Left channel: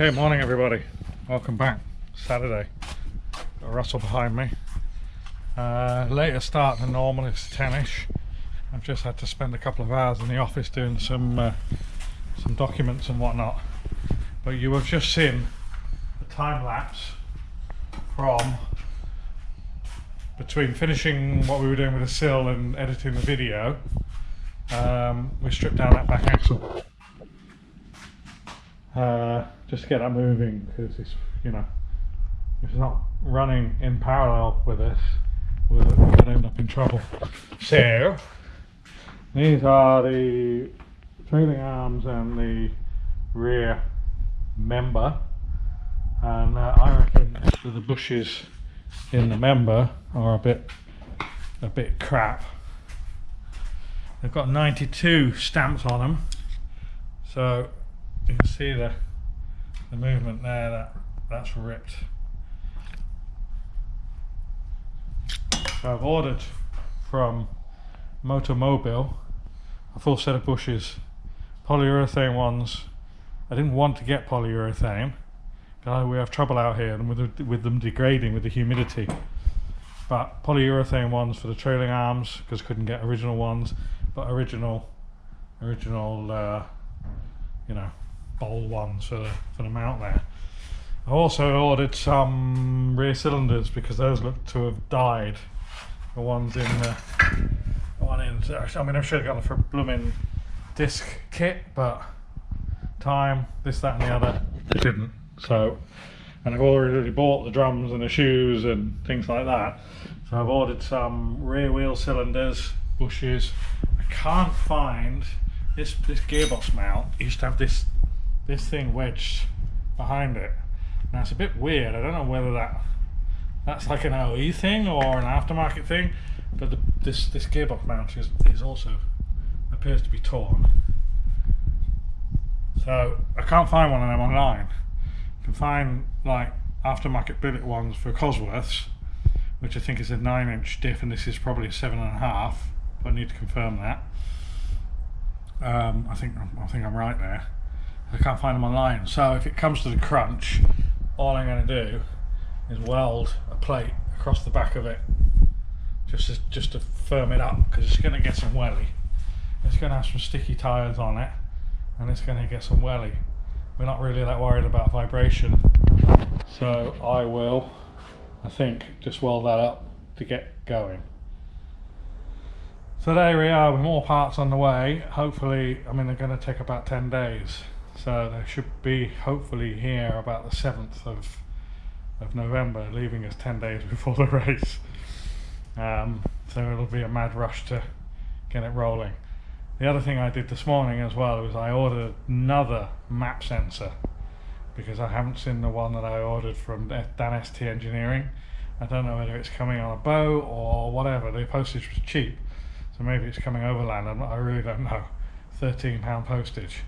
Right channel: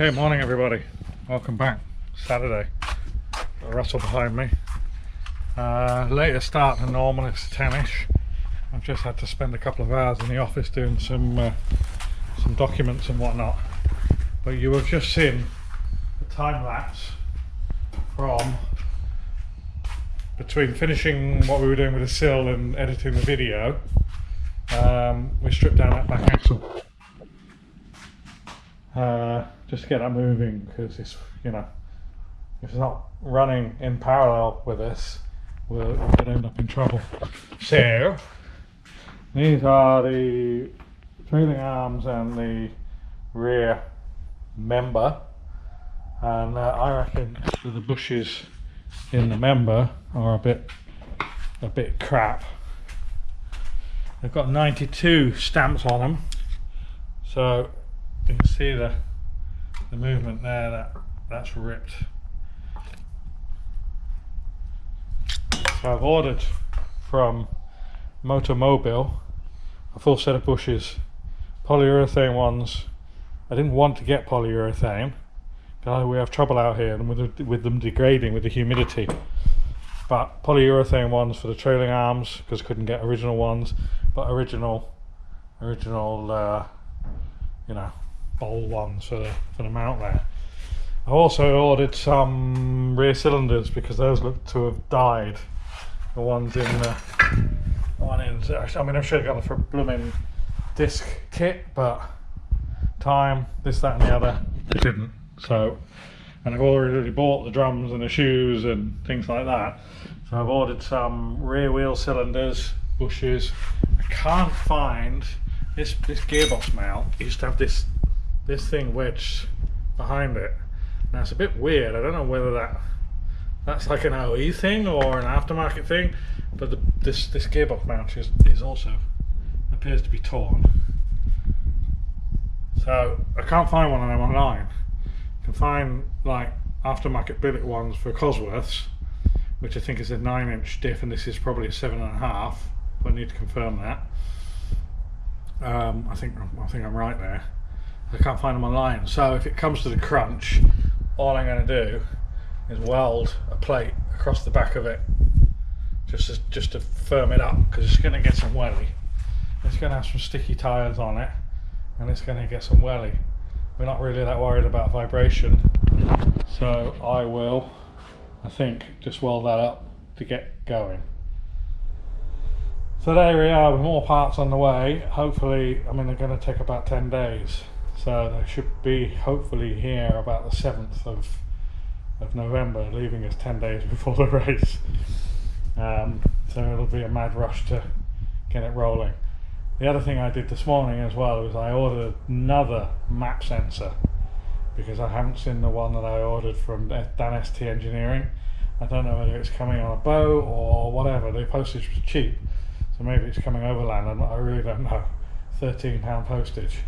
Okay, morning everybody. Welcome back. Saturday. Got Russell behind me. Later start than normal, it's 10ish. I've just had to spend a couple of hours in the office doing some documents and whatnot. But you have just seen the time lapse from between finishing what we were doing with the sill and editing the video. We stripped down that back axle. Just to get that moving, because it's, you know, if it's not running in parallel with this, we're going to end up in trouble. So these are the trailing arms and the rear member, and I reckon the bushes in the member are a bit crap. They've got 92 stamps on them, so you can see the movement there, that's ripped. So I've ordered from Motomobile a full set of bushes, polyurethane ones. I didn't want to get polyurethane because we have trouble out here and with them degrading with the humidity. But polyurethane ones for the trailing arms, because couldn't get original ones, but original, you know, bowl ones for the mount there. I also ordered some rear cylinders because those look to have died. The ones in I mean, I should have gone for a blooming disc kit, but time, this, that and the other, it didn't. So, and I've already bought the drums and the shoes and things like that. So I've ordered some rear wheel cylinders, bushes. I can't find this gearbox mount. It used to have this thing wedged behind it. Now it's a bit weird. I don't know whether that's like an OE thing or an aftermarket thing, but this gearbox mount is also appears to be torn. So I can't find one of them online. You can find like aftermarket billet ones for Cosworths, which I think is a 9-inch diff, and this is probably a 7.5. But I need to confirm that. I think I'm right there. I can't find them online. So if it comes to the crunch, all I'm going to do is weld a plate across the back of it, just to firm it up, because it's going to get some welly. It's going to have some sticky tyres on it, and it's going to get some welly. We're not really that worried about vibration, so I will, I think, just weld that up to get going. So there we are with more parts on the way. Hopefully, I mean, they're going to take about 10 days. So they should be hopefully here about the 7th of November, leaving us 10 days before the race. So it'll be a mad rush to get it rolling. The other thing I did this morning as well was I ordered another map sensor, because I haven't seen the one that I ordered from Dan ST Engineering. I don't know whether it's coming on a boat or whatever. The postage was cheap, so maybe it's coming overland. I really don't know. £13 postage.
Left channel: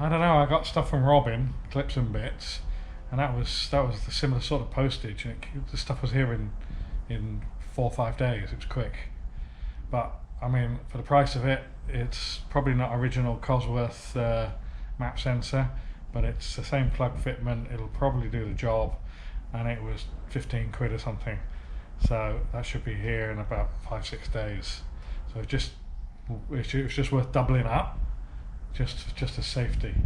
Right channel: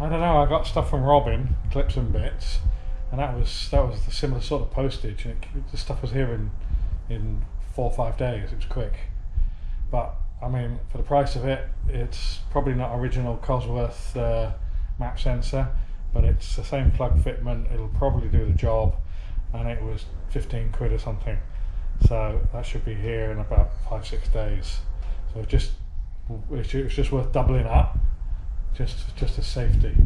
I don't know. I got stuff from Robin, clips and bits, and that was the similar sort of postage. And the stuff was here in 4 or 5 days. It was quick, but I mean, for the price of it, it's probably not original Cosworth map sensor, but it's the same plug fitment. It'll probably do the job, and it was 15 quid or something. So that should be here in about 5-6 days. So it's just worth doubling up. Just as safety.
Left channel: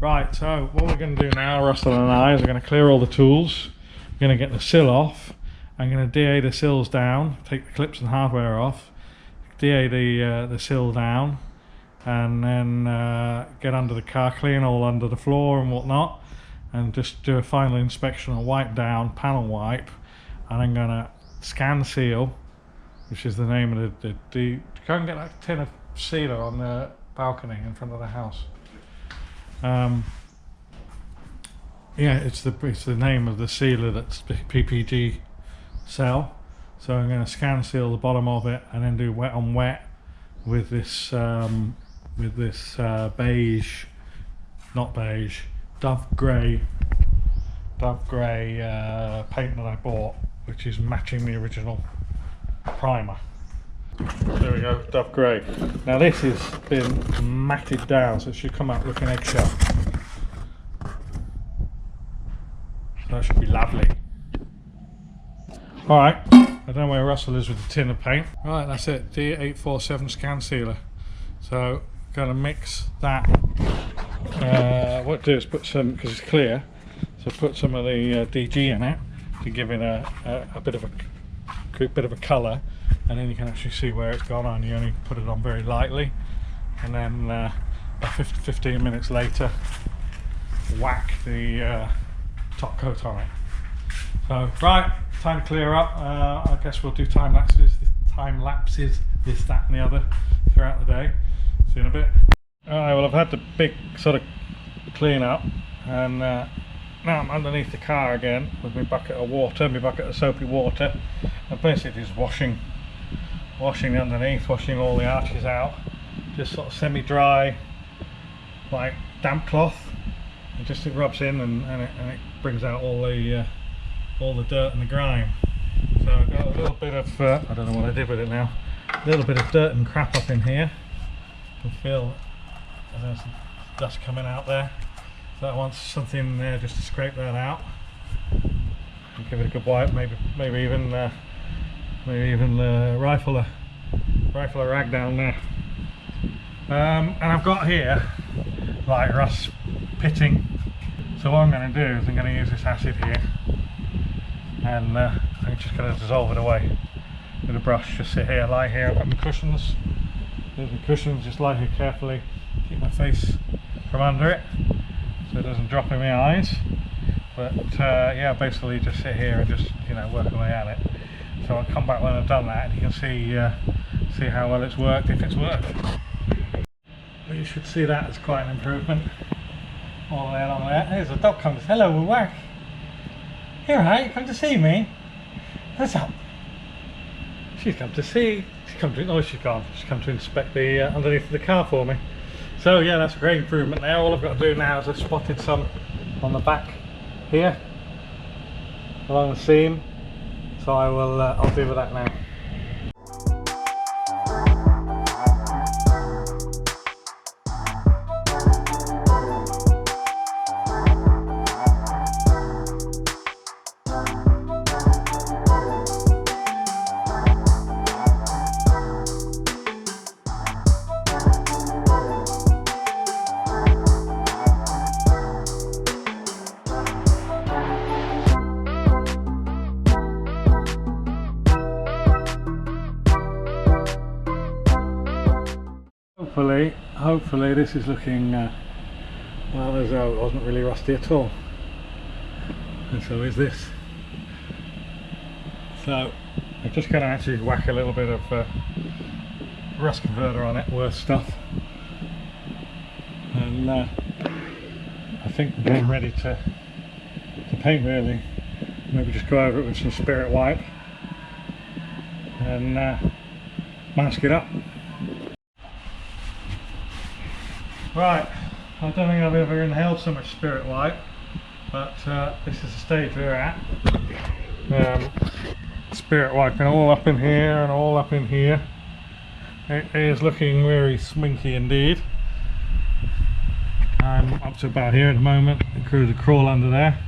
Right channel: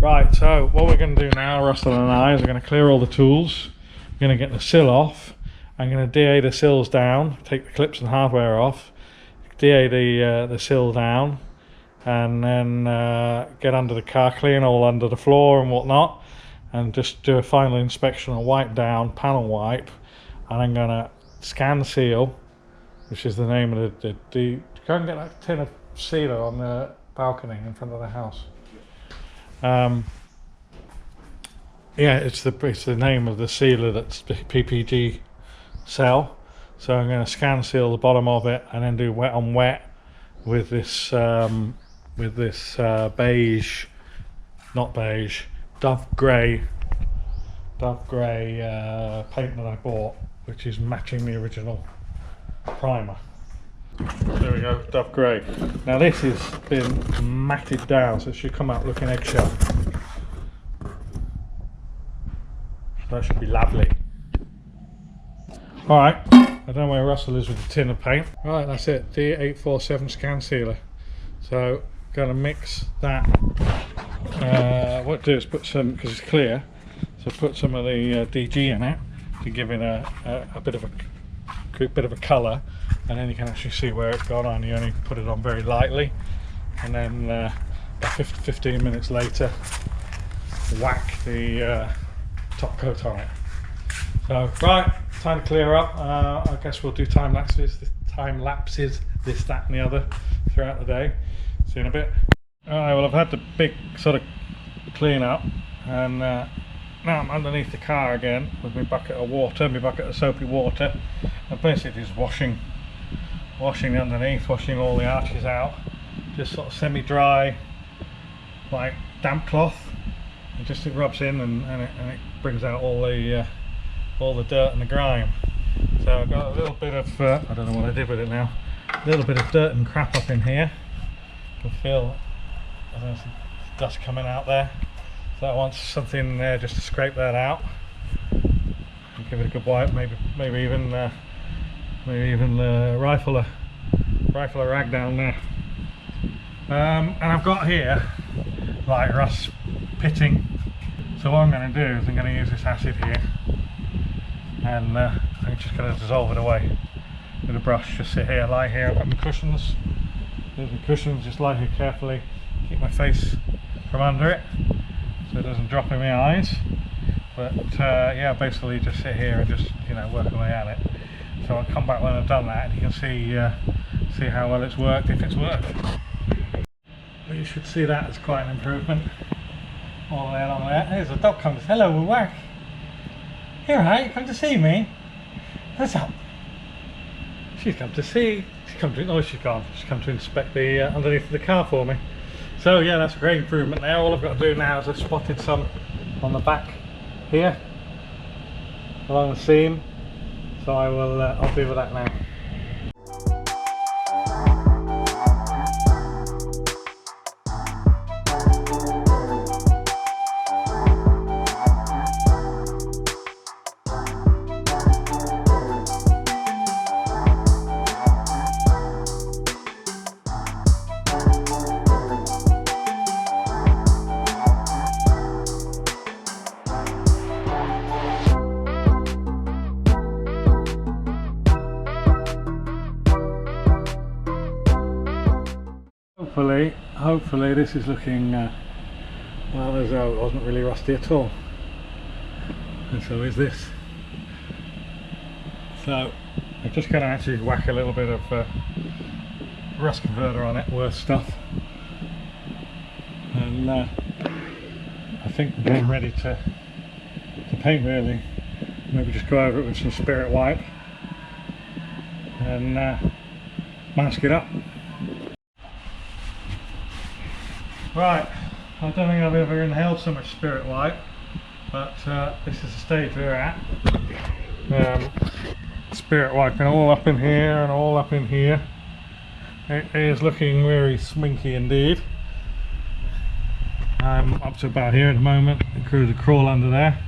Right, so what we're going to do now, Russell and I, is we're going to clear all the tools. We're going to get the sill off. I'm going to DA the sills down, take the clips and hardware off, DA the sill down, and then get under the car, clean all under the floor and whatnot, and just do a final inspection and wipe down, panel wipe, and I'm going to scan seal, which is the name of the go and get that tin of sealer on the balcony in front of the house. Yeah, it's the name of the sealer that's PPG cell. So I'm going to scan seal the bottom of it and then do wet on wet with this beige, not beige, dove grey paint that I bought, which is matching the original primer. There we go, dove grey. Now this has been matted down, so it should come out looking eggshell. So that should be lovely. Alright, I don't know where Russell is with the tin of paint. Right, that's it, D847 scan sealer. So, going to mix that. What I do is put some, because it's clear, so put some of the DG in it to give it a bit of a colour, and then you can actually see where it's gone on. You only put it on very lightly, and then about 15 minutes later, whack the top coat on it. So, right, time to clear up. I guess we'll do time lapses, this, that and the other throughout the day. See you in a bit. Alright, well I've had the big sort of clean up, and now I'm underneath the car again with my bucket of water, my bucket of soapy water, and basically just washing underneath, washing all the arches out, just sort of semi-dry, like damp cloth, and just it rubs in and it brings out all the dirt and the grime. So I've got a little bit of I don't know what I did with it now, a little bit of dirt and crap up in here. You can feel there's some dust coming out there, so I want something there just to scrape that out and give it a good wipe. Maybe even rifle a rag down there. And I've got here like rust pitting, so what I'm going to do is I'm going to use this acid here, and I'm just going to dissolve it away with a brush. Just sit here, lie here. I've got my cushions. There's my cushions. Just lie here carefully, keep my face from under it so it doesn't drop in my eyes. But yeah, basically just sit here and just, you know, work away at it. So I'll come back when I've done that, and you can see how well it's worked, if it's worked. Well, you should see that as quite an improvement. All the way along there. There's a dog comes. Hello, Wack. Here, right? Come to see me. What's up? She's come to see. She's come to. Oh, she's gone. She's come to inspect the underneath of the car for me. So yeah, that's a great improvement there. All I've got to do now is I've spotted some on the back here along the seam. So I will. I'll deal with that now. Hopefully this is looking well, as though it wasn't really rusty at all, and so is this. So I'm just going to actually whack a little bit of rust converter on it, worth stuff, and I think we're getting ready to paint really. Maybe just go over it with some spirit wipe and mask it up. Right, I don't think I've ever inhaled so much spirit wipe, but this is the stage we're at. Spirit wiping all up in here and all up in here. It is looking very sminky indeed. I'm up to about here at the moment. The crew to crawl under there.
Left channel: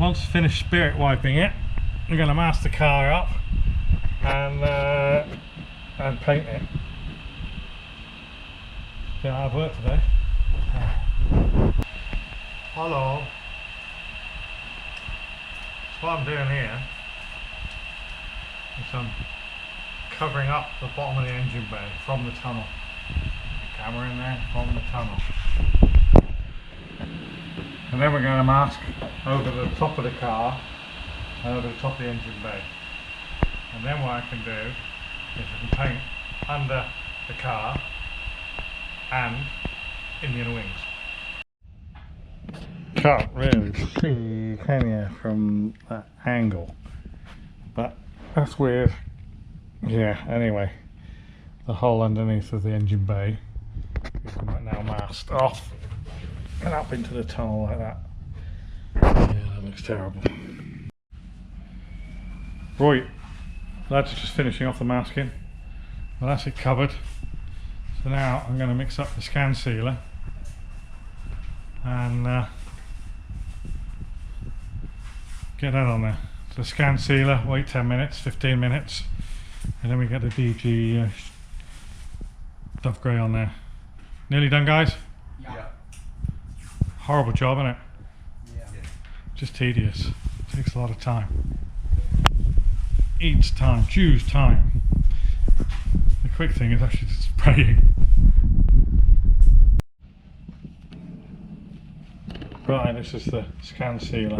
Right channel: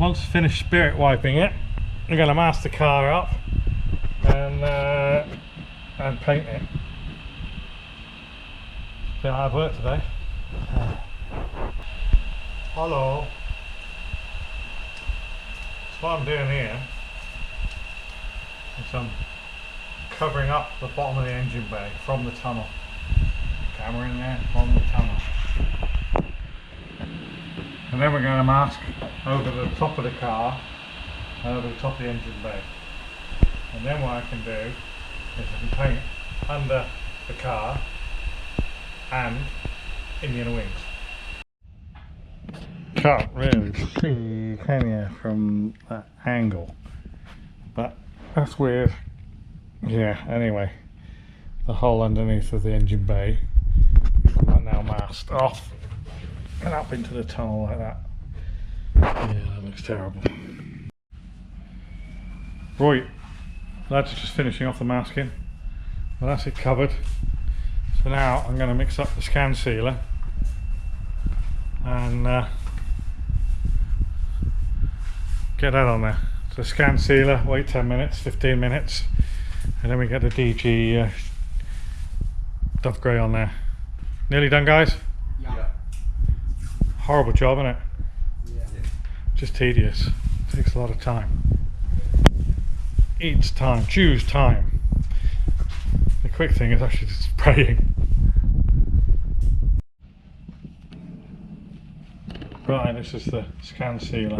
Once finished spirit wiping it, I'm going to mask the car up and paint it. Been hard work today. Hello. So what I'm doing here is I'm covering up the bottom of the engine bay from the tunnel. Camera in there from the tunnel. And then we're going to mask over the top of the car and over the top of the engine bay. And then what I can do is I can paint under the car and in the inner wings. Can't really see, can you, from that angle, but that's weird. Yeah, anyway, the hole underneath of the engine bay is now masked off and up into the tunnel like that. Yeah, that looks terrible. Right, that's just finishing off the masking. Well, that's it covered. So now I'm going to mix up the scan sealer and Get that on there. So scan sealer, wait 10 minutes, 15 minutes, and then we get the DG Dove Grey on there. Nearly done, guys? Yeah. Horrible job, isn't it? Yeah. Just tedious. Takes a lot of time. Eats time, chews time. The quick thing is actually just spraying. Right, this is the scan sealer.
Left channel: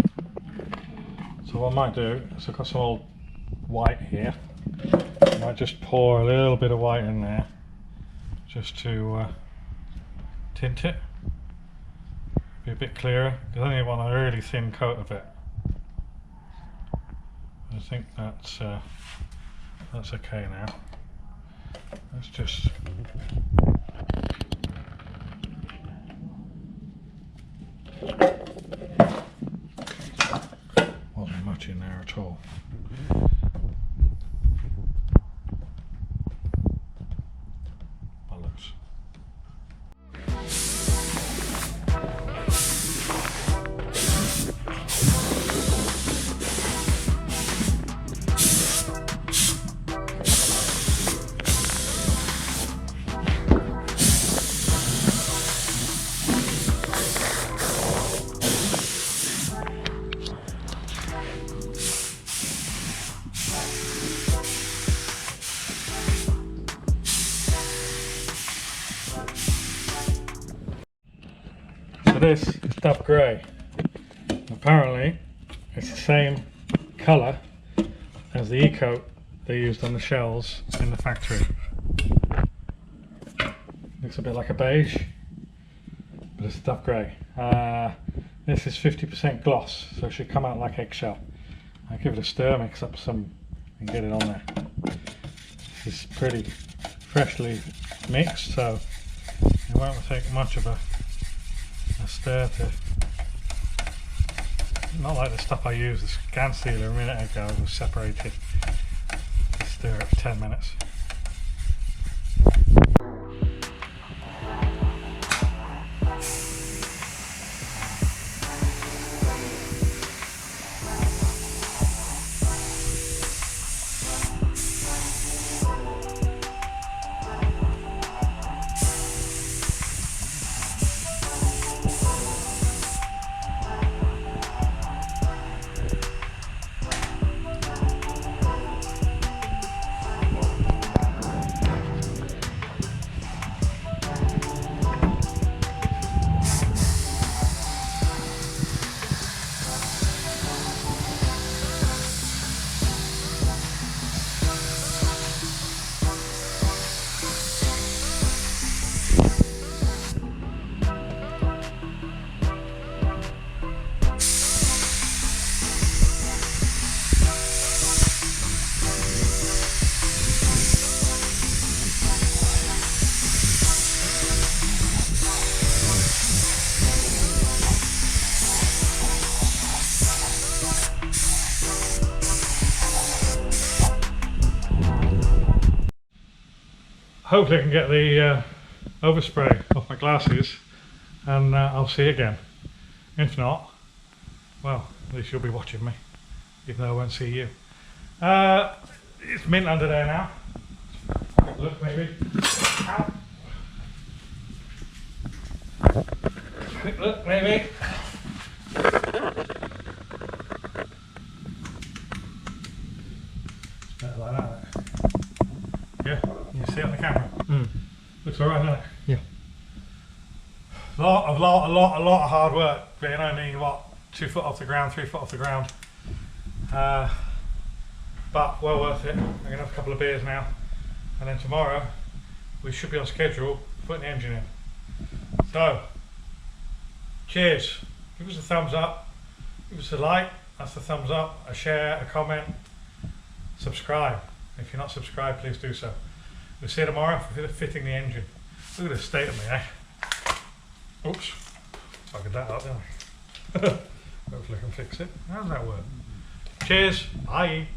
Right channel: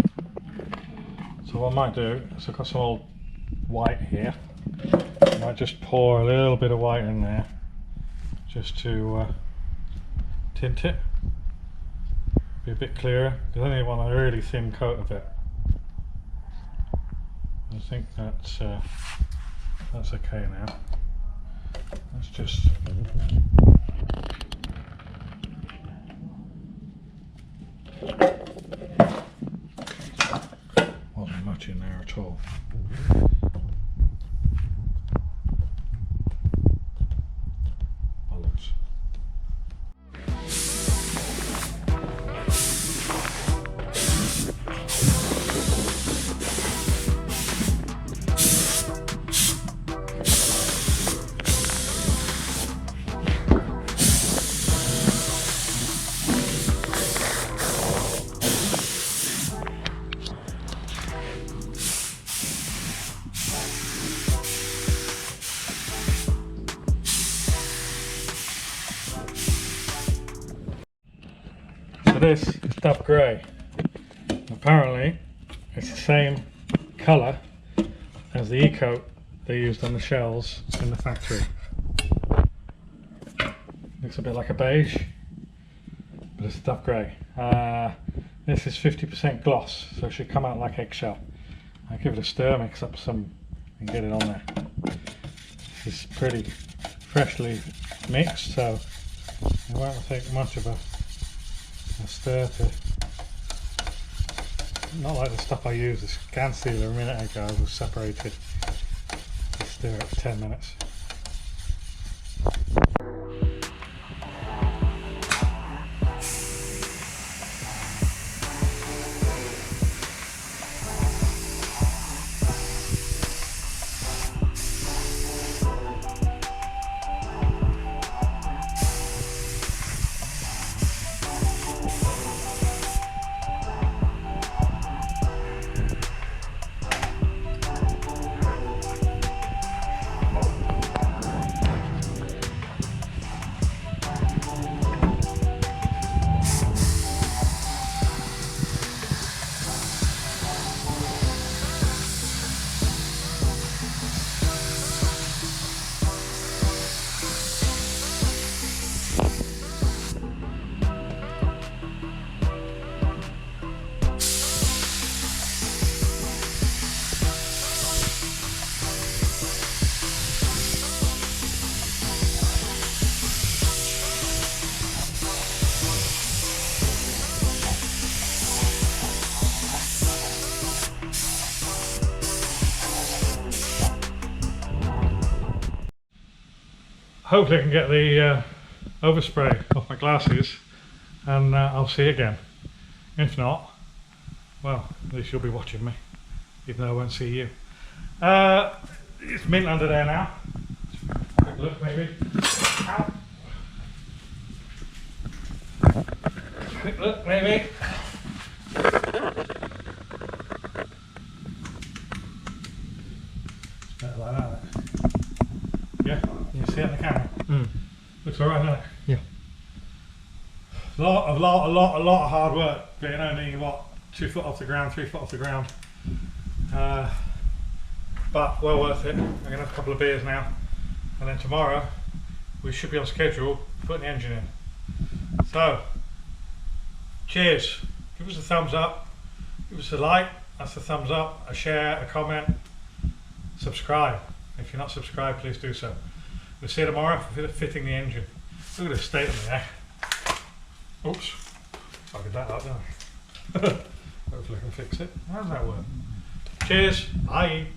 So what I might do is I've got some old white here. I might just pour a little bit of white in there just to tint it. Be a bit clearer, because I only want a really thin coat of it. I think that's okay now. Let's just wasn't much in there at all. Bollocks. So this is Dove Grey. Apparently it's the same colour as the e-coat they used on the shells in the factory. Looks a bit like a beige, but it's Dove Grey. This is 50% gloss, so it should come out like eggshell. I'll give it a stir, mix up some and get it on there. This is pretty freshly mixed, so it won't take much of a stir to, not like the stuff I used, the scan sealer a minute ago was separated. Just stir it for 10 minutes. Hopefully I can get the overspray off my glasses and I'll see you again. If not, well, at least you'll be watching me, even though I won't see you. It's mint under there now. Quick look maybe. Ow. Quick look maybe. It's better like that. Yeah, you see it on the camera. Looks alright, doesn't it? Yeah. A lot of hard work, being only what, 2 foot off the ground, 3 foot off the ground. But well worth it. I'm gonna have a couple of beers now, and then tomorrow we should be on schedule putting the engine in. So, cheers. Give us a thumbs up, give us a like, that's a thumbs up, a share, a comment, subscribe. If you're not subscribed, please do so. We'll see you tomorrow for fitting the engine. Look at the state of me, Oops, fucking that up, didn't I? Hopefully I can fix it. How does that work? Cheers, bye.